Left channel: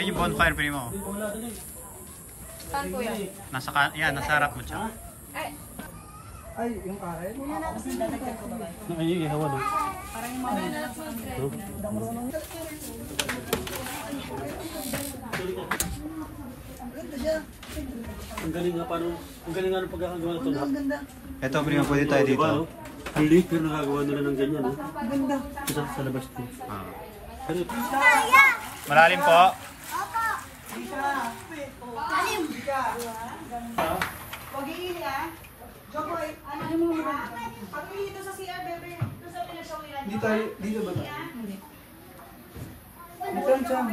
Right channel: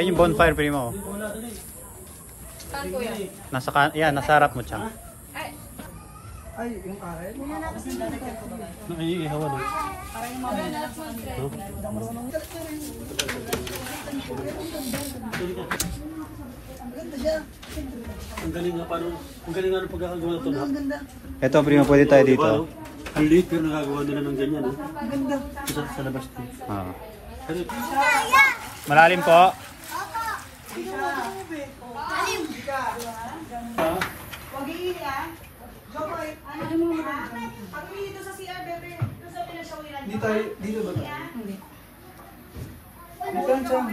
Ayun yung bonfire, primo. Yan, nasa harap mo, Chang. Ay, yung karet? Naiihawan. Parang yung mga Ang galing nga paano, ang galing nga ng pagkakagawa ito na. Ito, primo, pwede tayo dito. Ang liit pero nagagawa nila ng ganyan, no? Sa labas ko. Ah. Pero, Malalim po. Dito ba? Dito saan?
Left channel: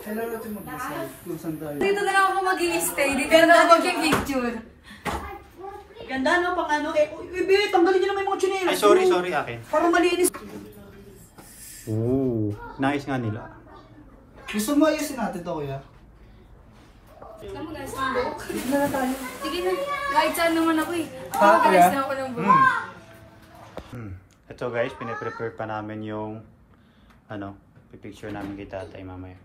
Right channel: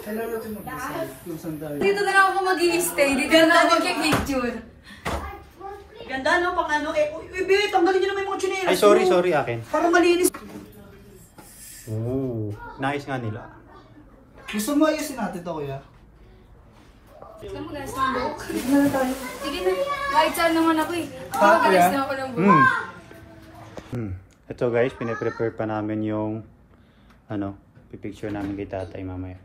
Kailan natin mag-isa? Kung saan tayo? Dito na lang ako mag-i-stay. Dito na lang ako mag-picture. Ganda no, pang ano. Uy, be, tanggalin niyo naman yung mga chinelas. Ay, sorry, akin. Parang malinis. Ooh, nice nga nila. Gusto mo ayusin natin ito, kuya? Sige na. Kahit saan naman ako eh. Mag-alis na ako ng buhay. Ito guys, pinaprepare pa namin yung pipicture namin kay tatay mamaya.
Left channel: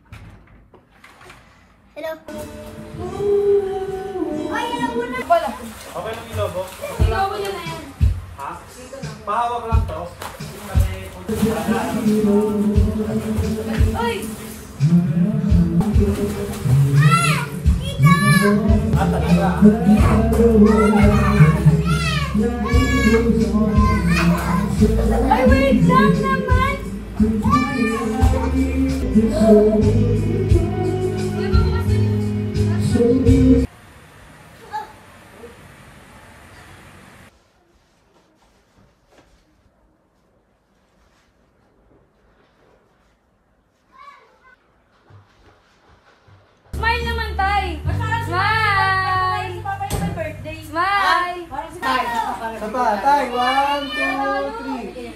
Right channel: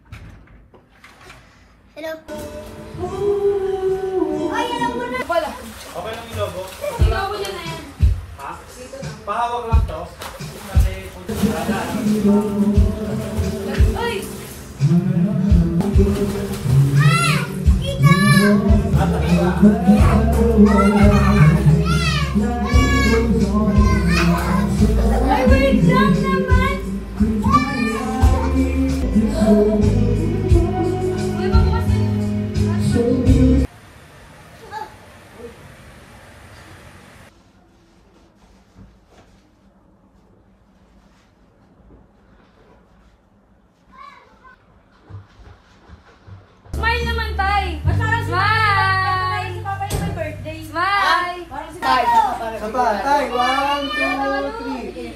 Hello. Okay lang yung lobo. Ikaw ko na yan. Ha? Pahawak lang to. Uy! Ay, wait lang naman! Smile naman, tay! Smile! Smile! Tay, 1, 2, 3.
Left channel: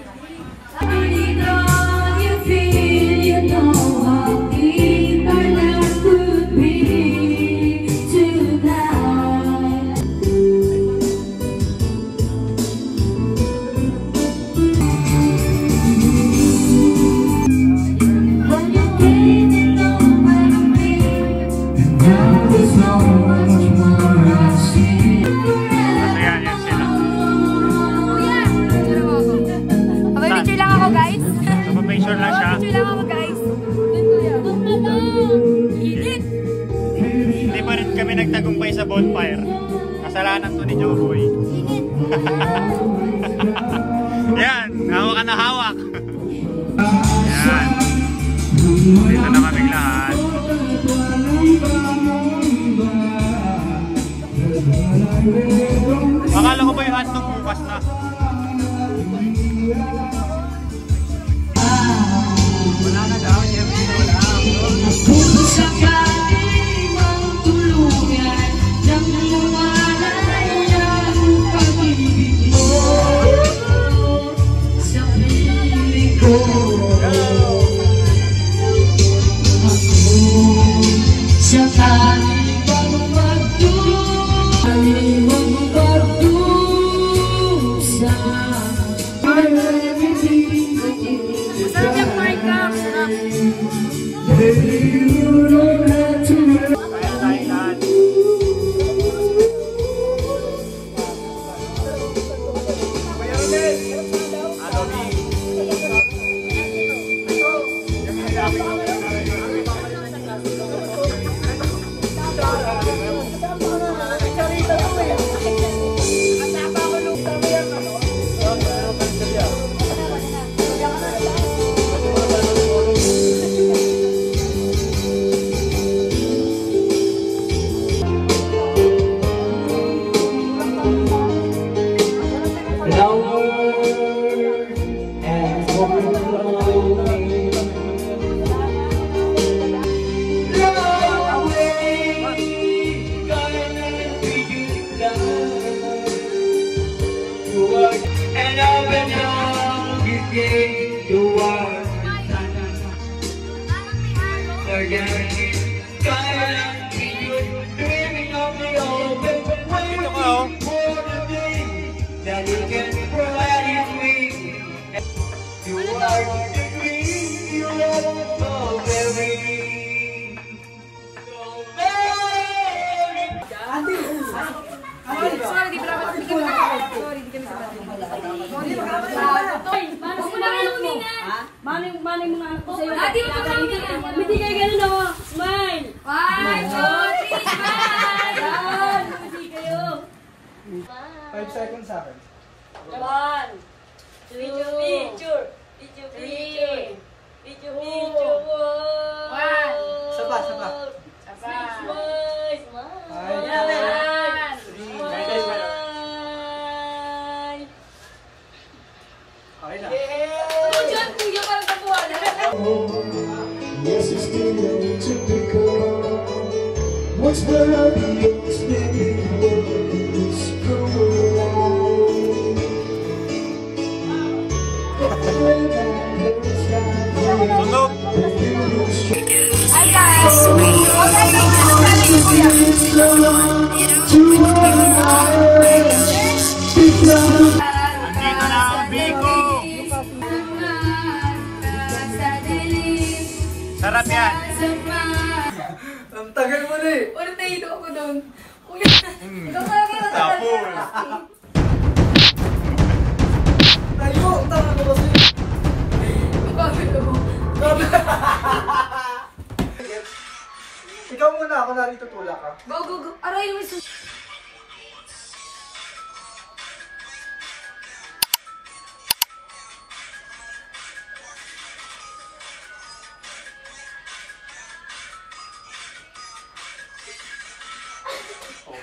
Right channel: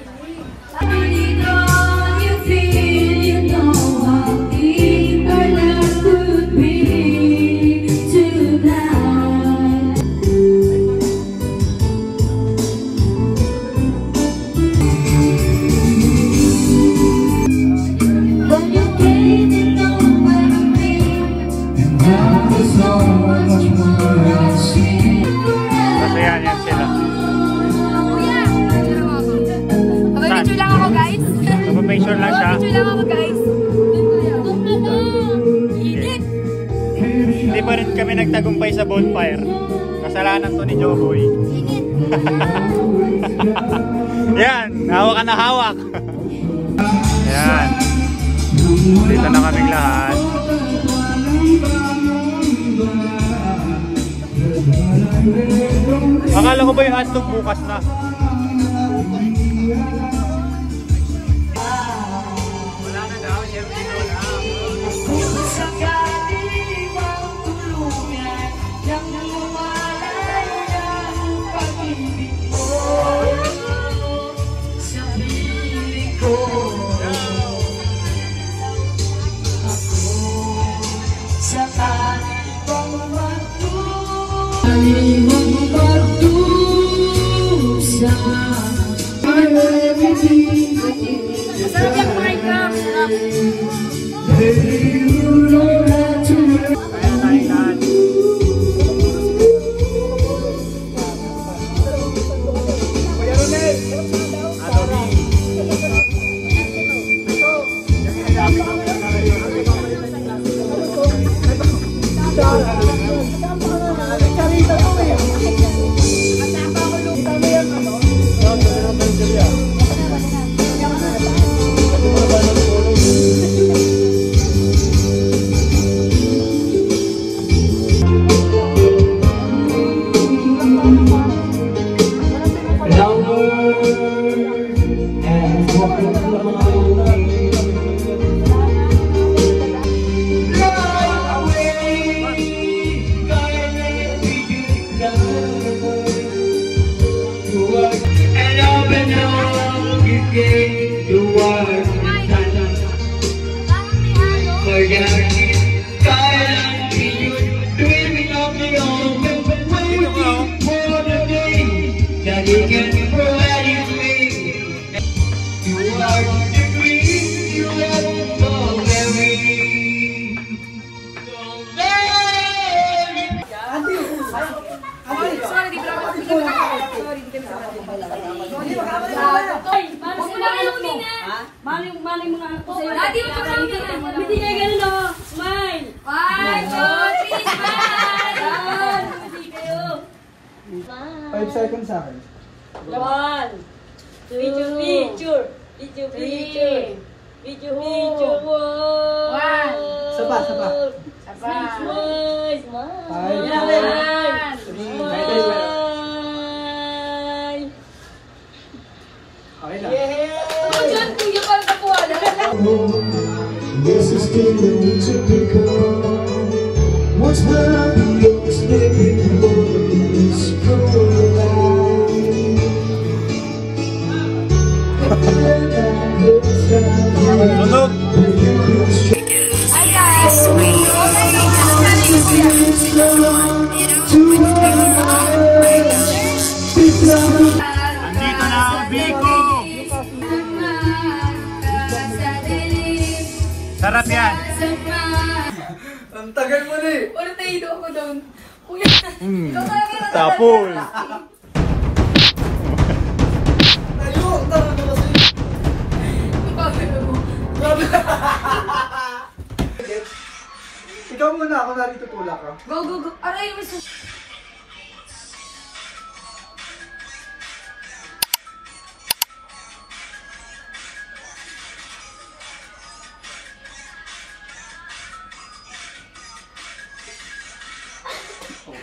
Picture lang ako, guys. Picture lang siya. Picture lang ako, guys. Init! Hindi pa rin kami nagtagumpay sa bonfire. Kasalanan to ni Joboy. Yan, hawak ka na hawak. Yan. Dito na kaming lahat. Akala ko ba yung hotdog bukas na? Wala na daw, siyempre wala. Sakaling ang tulungan ng mawalay ng pag-ibig mo sa piling ko. Sakaling bang magdusa Masarap lang kumain ka. Masarap. And open door, you gave the world for that. Kaya dreaming of me open, but what do you think more than me that you can provide me? You are the dream, you are the memory. 1, 2, picture. Video, 1. Saba. Smile. Okay na. Ano silang kuya para sa kuwala? Yes, it's getting typical. What's burning is living is Tunog! Hi guys! Andito na ang Biko! Sarap yan! Ang tagal mo ni. Wala na ilo ko doon. Kuya, Tapol! Tayo, ang tagal mo kasi. Ikaw muna, ako narito tulak ka. Go. Aray, may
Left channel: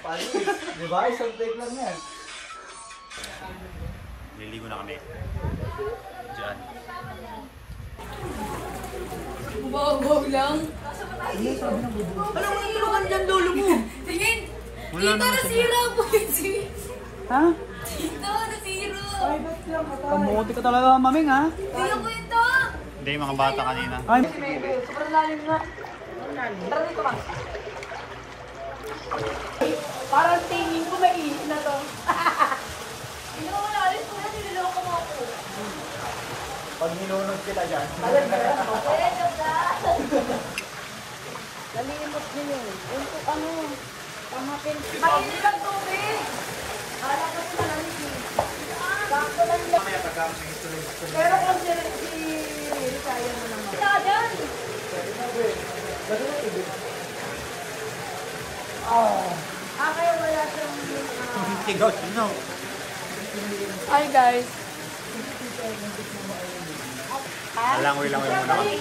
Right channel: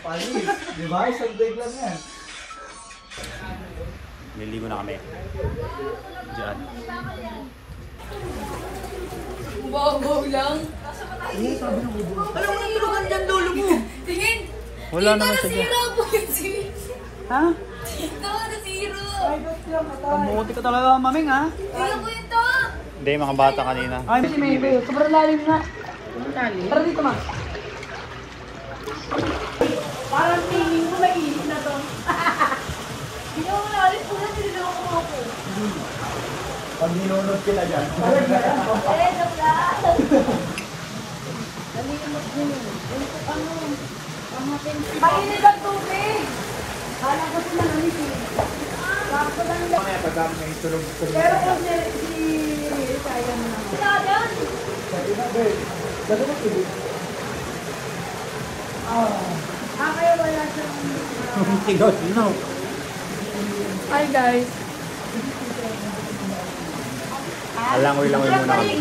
Paano? Diba? Isang big lang yan. Niligo na kami. Diyan. Bago lang. Alam mo naman dyan, lolo mo. Tingin! Wala naman sa Nasira po yung Ha? Ito, nasira! Buti ka talaga maming ha? Tingnan ko ito! Hindi, mga bata kanina. Sobrang lalim na. Tara dito, ma. Parang tingin ko mainit na to. Hindi ako malalim ko na, nililoko ko ako. Pag ninunod sila dyan. Mainit ang tubig! Kala ko si Manamit eh. Sakto lang lang. Mamaya pag may tulog. Pero kung si kaya mo naman. Sinagan! Bago mo tibig? Ayaw wala siyang... Tigaw, sino? Hi guys. Langoy muna kami.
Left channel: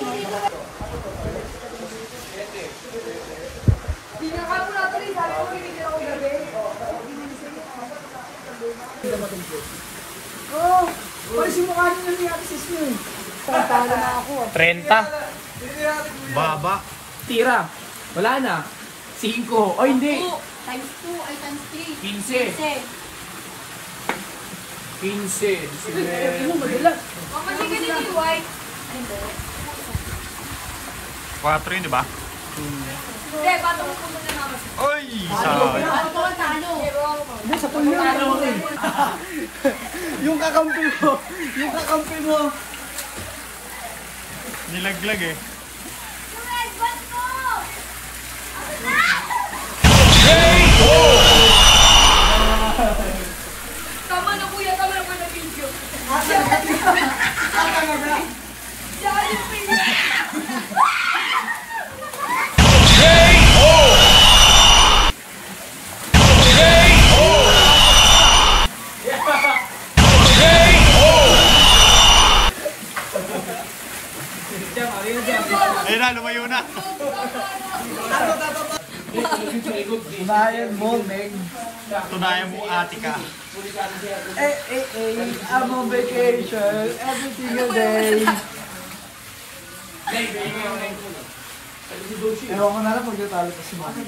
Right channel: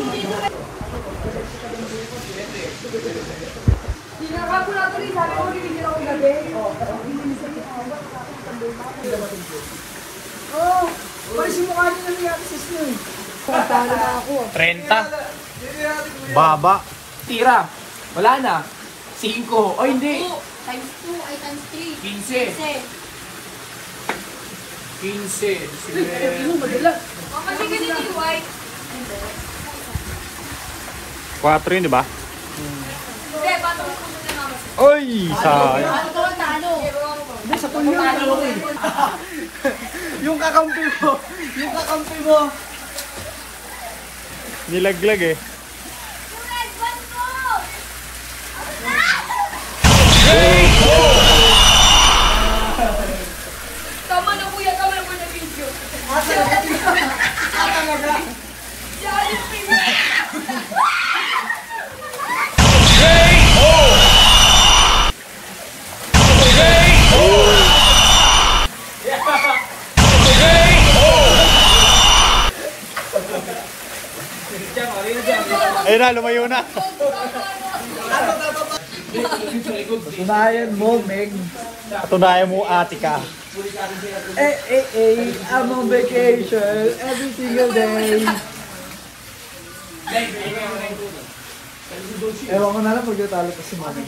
Hindi ka po natin rin. Sabi ko, bibigyan ako gabi. Oh, simukha niyo na yung sis niyo. Pagkano na ako. 30? Baba. Tira. Wala na. 5. O hindi. Times 2 ay times 3. 15. 15. Sige. O, kasi ganito yung white. 4 yun, di ba? Hindi, pato mo kung muna naman. Oy! Sayang. Ano ko ang talo? Hindi, sa tulog na ako eh. Yung kakampi mo. Nilaglag eh. Alright, let's go! Tama na kuya, tama na na video. Dahil yung Ayun na, lumayo na. Unayan mo, Meg. Patunayan mo, ate ka. I'm on vacation every single day. Ewan ko na lang pag natalo ko si Mami.